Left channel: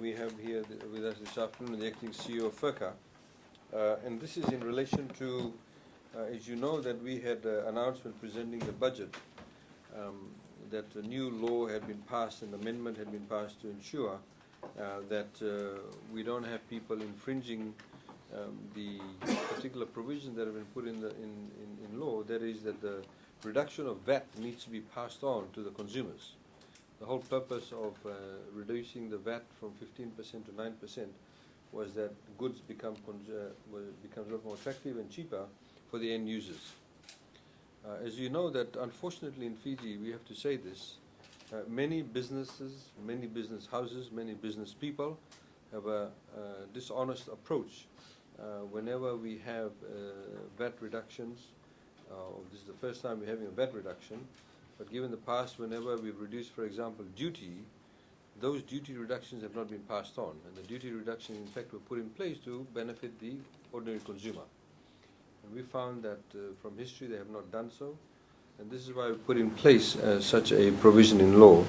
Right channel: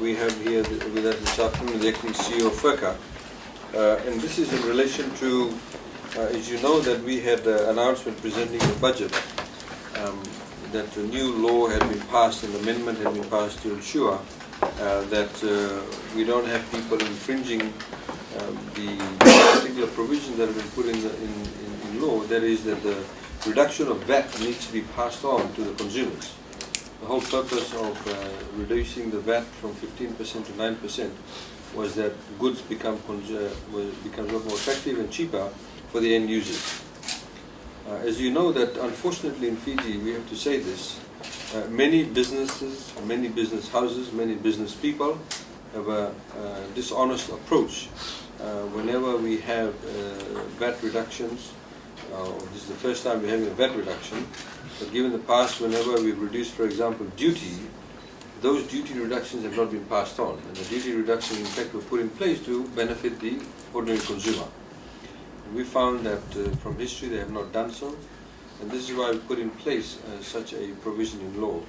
we have here with us this afternoon the acting CEO of FIRCA. And this is in relation to, as you know, that we had an announcement presenting the budget, that a new law had been passed, an amendment had been passed to ensure that we don't have people infringing the particular provisions that have been put in law. That is that the reduction of VAT needs to be passed on to the consumers. The whole purpose of reducing the VAT from 15% to 9% was that goods become a lot more attractive and cheaper for the end users. As you know, that unfortunately in Fiji, we have to say this, many businesses, many business houses, many business people have a dishonest approach. Whenever we have VAT reductions, this is the first time we're having a VAT reduction, but given the past, whenever we've reduced, for example, duty, those duty reductions have not been passed on. And the duty reductions, in fact, were put in place to benefit the ordinary consumer. And we found that from history they have not done so, and this is why we put in place such a provision in law.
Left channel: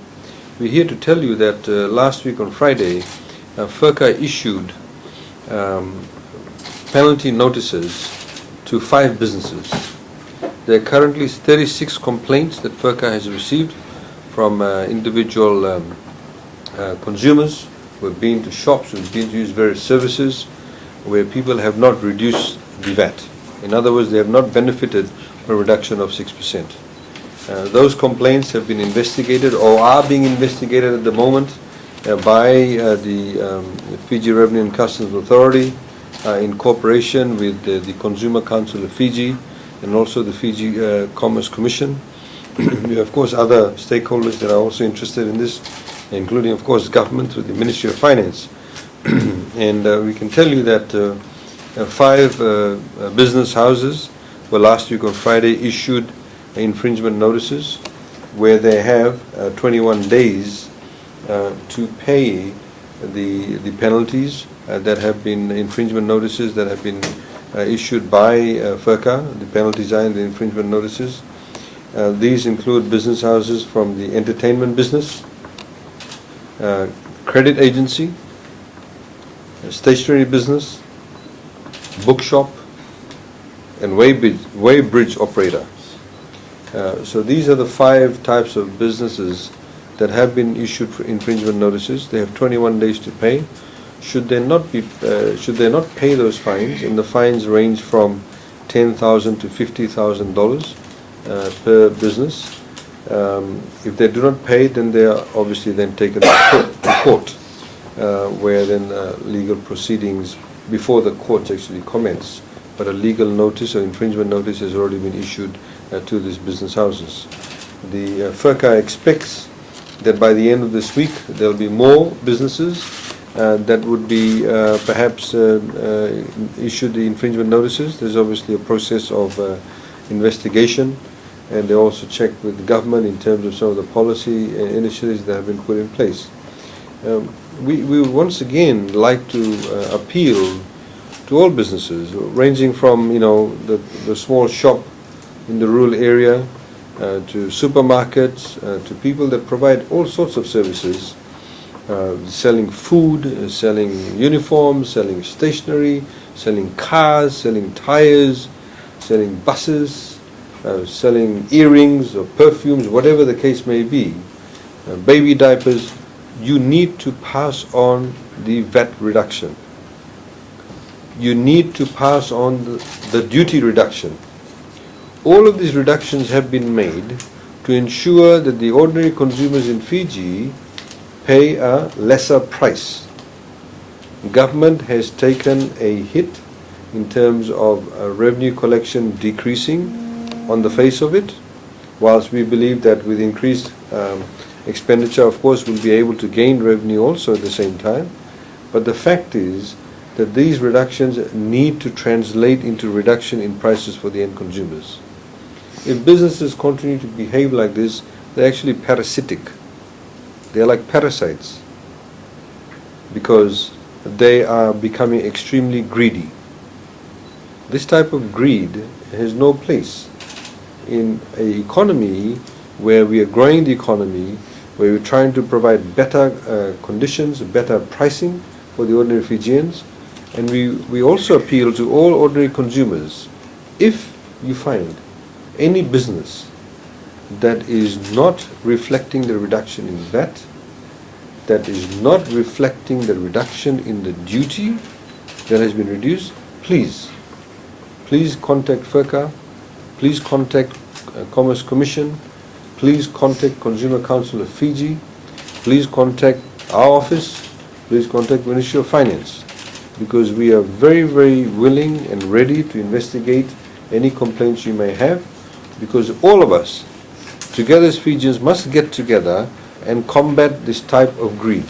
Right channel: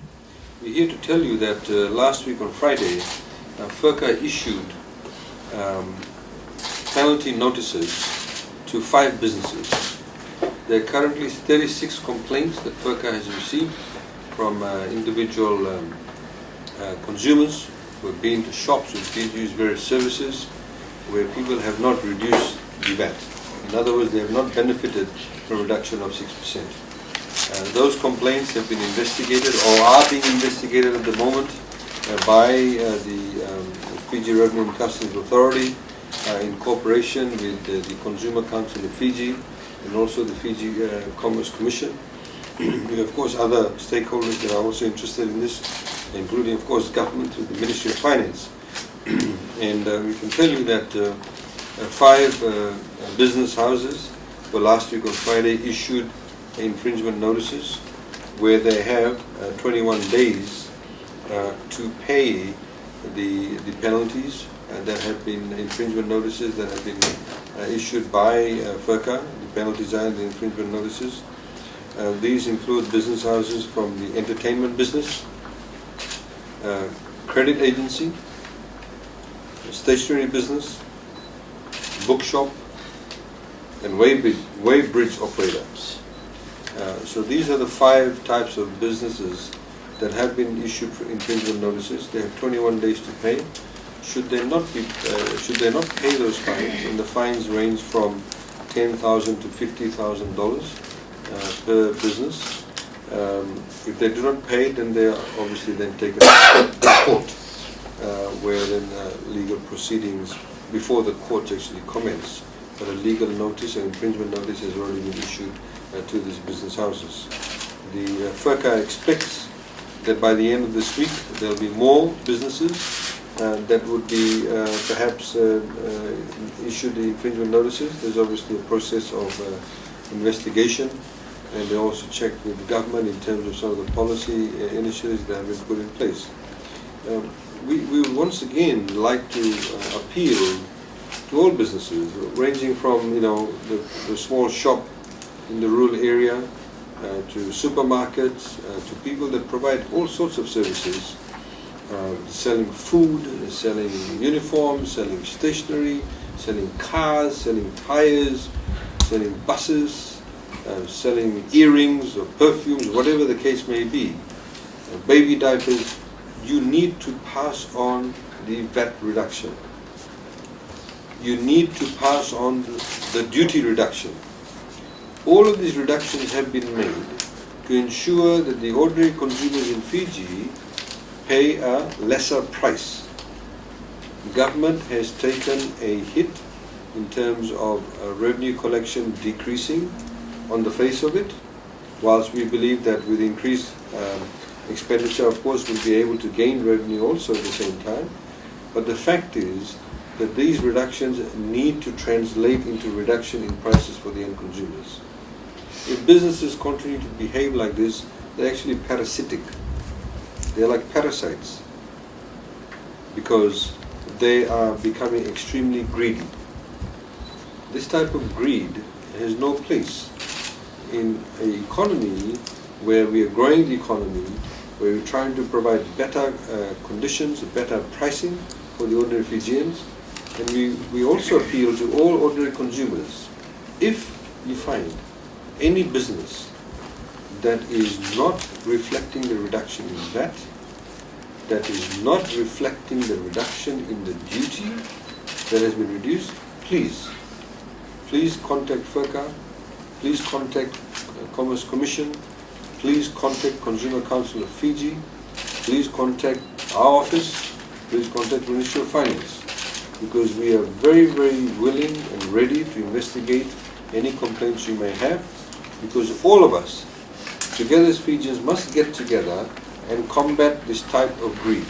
We're here to tell you that last week on Friday, FIRCA issued penalty notices to 5 businesses. There are currently 36 complaints that FIRCA has received from individual consumers who have been to shops, who have been to use various services, where people have not reduced the VAT. In other words, they have not benefited from a reduction of 6%. Those complaints have been investigated or are being investigated at the moment by the Fiji Revenue and Customs Authority in cooperation with the Consumer Council of Fiji and also the Fiji Commerce Commission. We have, of course, other stakeholders that are also interested in this, including, of course, government with the Ministry of Finance. And we can tell you that 5 business houses were last week on Friday issued infringement notices where they have 21 days to pay the penalties that have been infringement notices that have been issued by FIRCA. The penalties are in the infringement notices. These include business houses from the entertainment business, credit agency, stationery business, bookshop, and weighbridge operator. So these are the 5 types of businesses that have been issued for infringement notices. They have 21 days to pay. Should they not pay those fines, and the fines range from $10,000 to $50,000 per business. If they do not pay, then they are obviously then taken to court, where then legal proceedings before the courts actually commence. But a legal notice or infringement notice has already been issued to these business houses. The FIRCA expects that by the end of this week there will be more businesses that would be perhaps issued the infringement notices. There's obviously a process of investigation, and they also check with the government in terms of some of the policy initiatives that have been put in place. We once again like to appeal to all businesses, ranging from the small shop in the rural area to supermarkets, to people that provide all sorts of services, selling food, selling uniforms, selling stationery, selling cars, selling tires, selling buses, selling earrings or perfumes, whatever the case may be, baby diapers. You need to pass on the VAT reduction. You need to pass on the duty reduction. All of these reductions have been made to ensure that the ordinary consumers in Fiji pay a lesser price. The government has taken a hit in terms of revenue collection decreasing on the face of it, whilst we believe that with increased expenditure, of course, we'll be able to gain revenue also at the same time. But the fact is that these reductions need to translate into reduction in prices for the end consumers. If businesses continue to behave like this, they're actually parasitic. They're like parasites because they are becoming extremely greedy. This type of greed has no place in an economy where we are growing the economy, where we're trying to provide better conditions, better pricing for the ordinary Fijians. And we also appeal to all ordinary consumers. If you find any business that is not reflecting the reduction in VAT, that is not reflecting the reduction in the duty that has been reduced, please contact FIRCA, please contact Commerce Commission, please contact Consumer Council of Fiji, please contact our office, please contact Ministry of Finance, because we are very, very willing and ready to investigate any complaints you may have, because all of us, together as Fijians, must get together and combat this type of greed.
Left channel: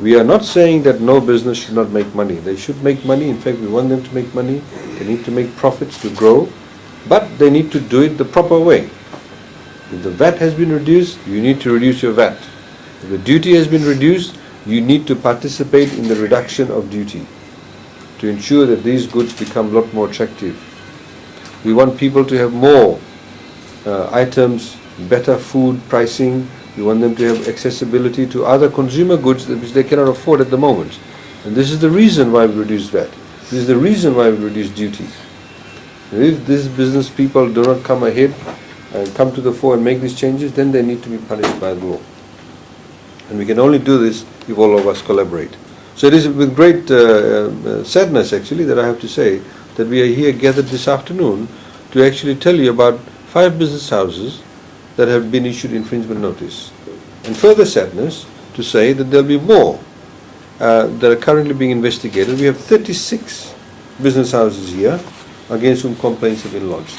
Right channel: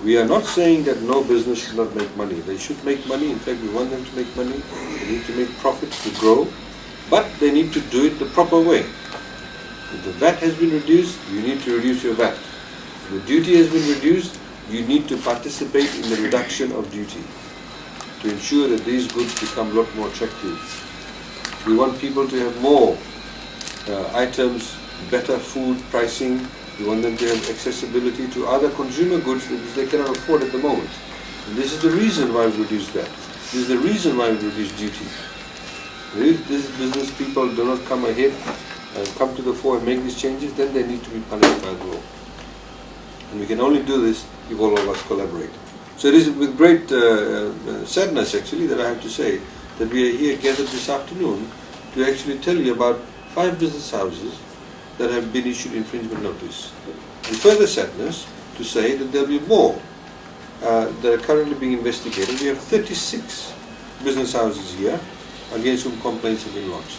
We are not saying that no business should not make money. They should make money. In fact, we want them to make money. They need to make profits to grow, but they need to do it the proper way. If the VAT has been reduced, you need to reduce your VAT. If the duty has been reduced, you need to participate in the reduction of duty to ensure that these goods become a lot more attractive. We want people to have more items, better food pricing. We want them to have accessibility to other consumer goods which they cannot afford at the moment. And this is the reason why we reduced VAT. This is the reason why we reduced duty. And if these business people do not come ahead and come to the fore and make these changes, then they need to be punished by law. And we can only do this if all of us collaborate. So it is with great sadness, actually, that I have to say that we are here gathered this afternoon to actually tell you about 5 business houses that have been issued infringement notice. And further sadness to say that there will be more that are currently being investigated. We have 36 business houses here against whom complaints have been lodged.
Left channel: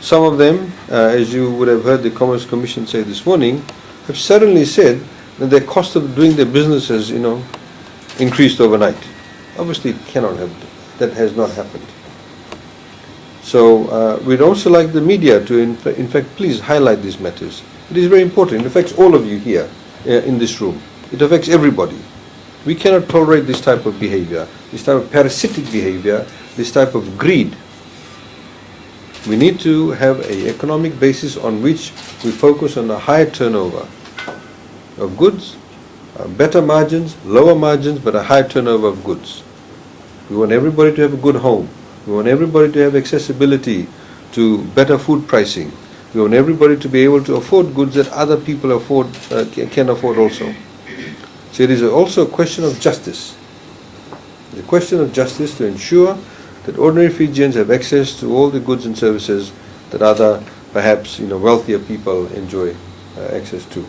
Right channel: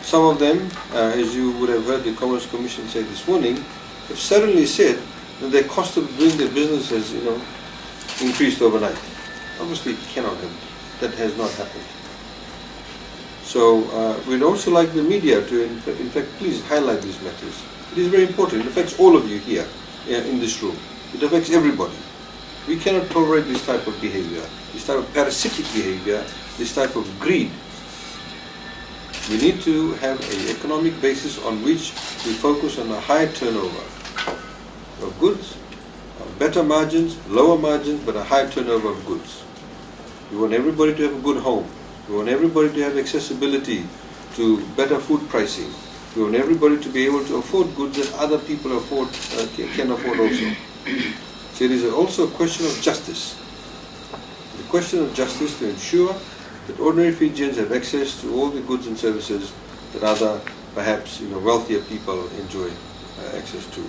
Some of them, as you would have heard the Commerce Commission say this morning, have suddenly said that their cost of doing their business has, increased overnight. Obviously, it cannot have. That has not happened. So we'd also like the media to, in fact, please highlight these matters. It is very important. It affects all of you here in this room. It affects everybody. We cannot tolerate this type of behavior, this type of parasitic behavior, this type of greed. We need to have an economic basis on which we focus on a higher turnover of goods, better margins, lower margins, but a high turnover of goods. We want everybody to have a good home. We want everybody to have accessibility to better food pricing. We want everybody to be able to afford goods that other people can afford also. So it is also a question of justice. It's a question of justice to ensure that ordinary Fijians have access to all the goods and services that other, perhaps, wealthier people enjoy access to.